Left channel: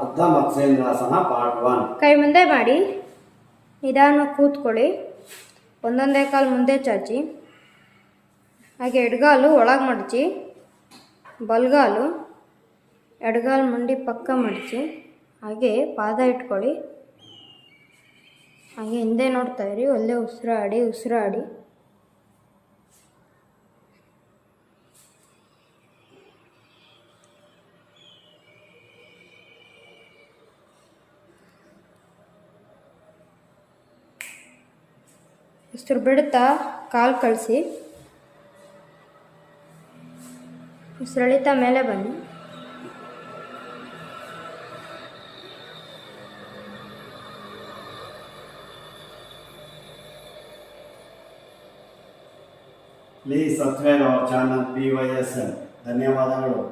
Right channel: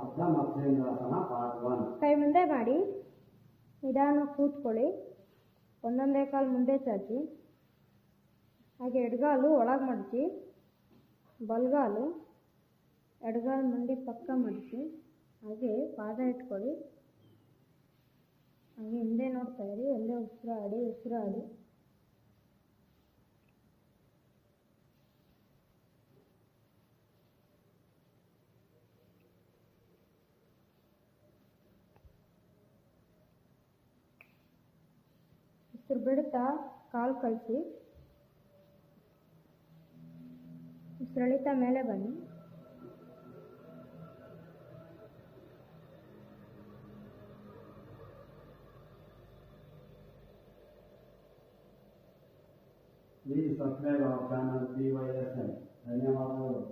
ಅರ್ಧ ಮತ್ಸ್ಯೇಂದ್ರಾಸನ ಪಾರ್ಟ್ 1. ಕೈ ಮುಂದೆ ಮಾಡಿ ನಿಧಾನವಾಗಿ ಕೂತ್ಕೊಳ್ಳಿ. ಒಂದೊಂದೇ ಕಾಲು ಮುಂದೆ ಚಾಚಿ, ಹಾಗೆ ಎಡಗಾಲು ಒಳಗೆ ಮಡಚಿ, ಬಲಗಾಲು ಎಡಗಾಲು ಮಂಡಿ ಪಕ್ಕ ಮಡಚಿ, ಹಾಗೆ ಪಾದ ಇಟ್ಕೊಳ್ಳಿ. ಹಾಗೆ ಹಿಂದೆ ನೋಡ್ತಾ ಇರಿ. ಒಳ್ಳೆ ಉಸಿರಾಡಿ. ಉಸಿರು ಬಿಡ್ತಾ ಕಾಲು ಕಳಿಸಿ, ಉಸಿರೆಳಿತಾ ಮೇಲೆ ಬನ್ನಿ. Please subscribe our channel PYSL. ಧನ್ಯವಾದಗಳು.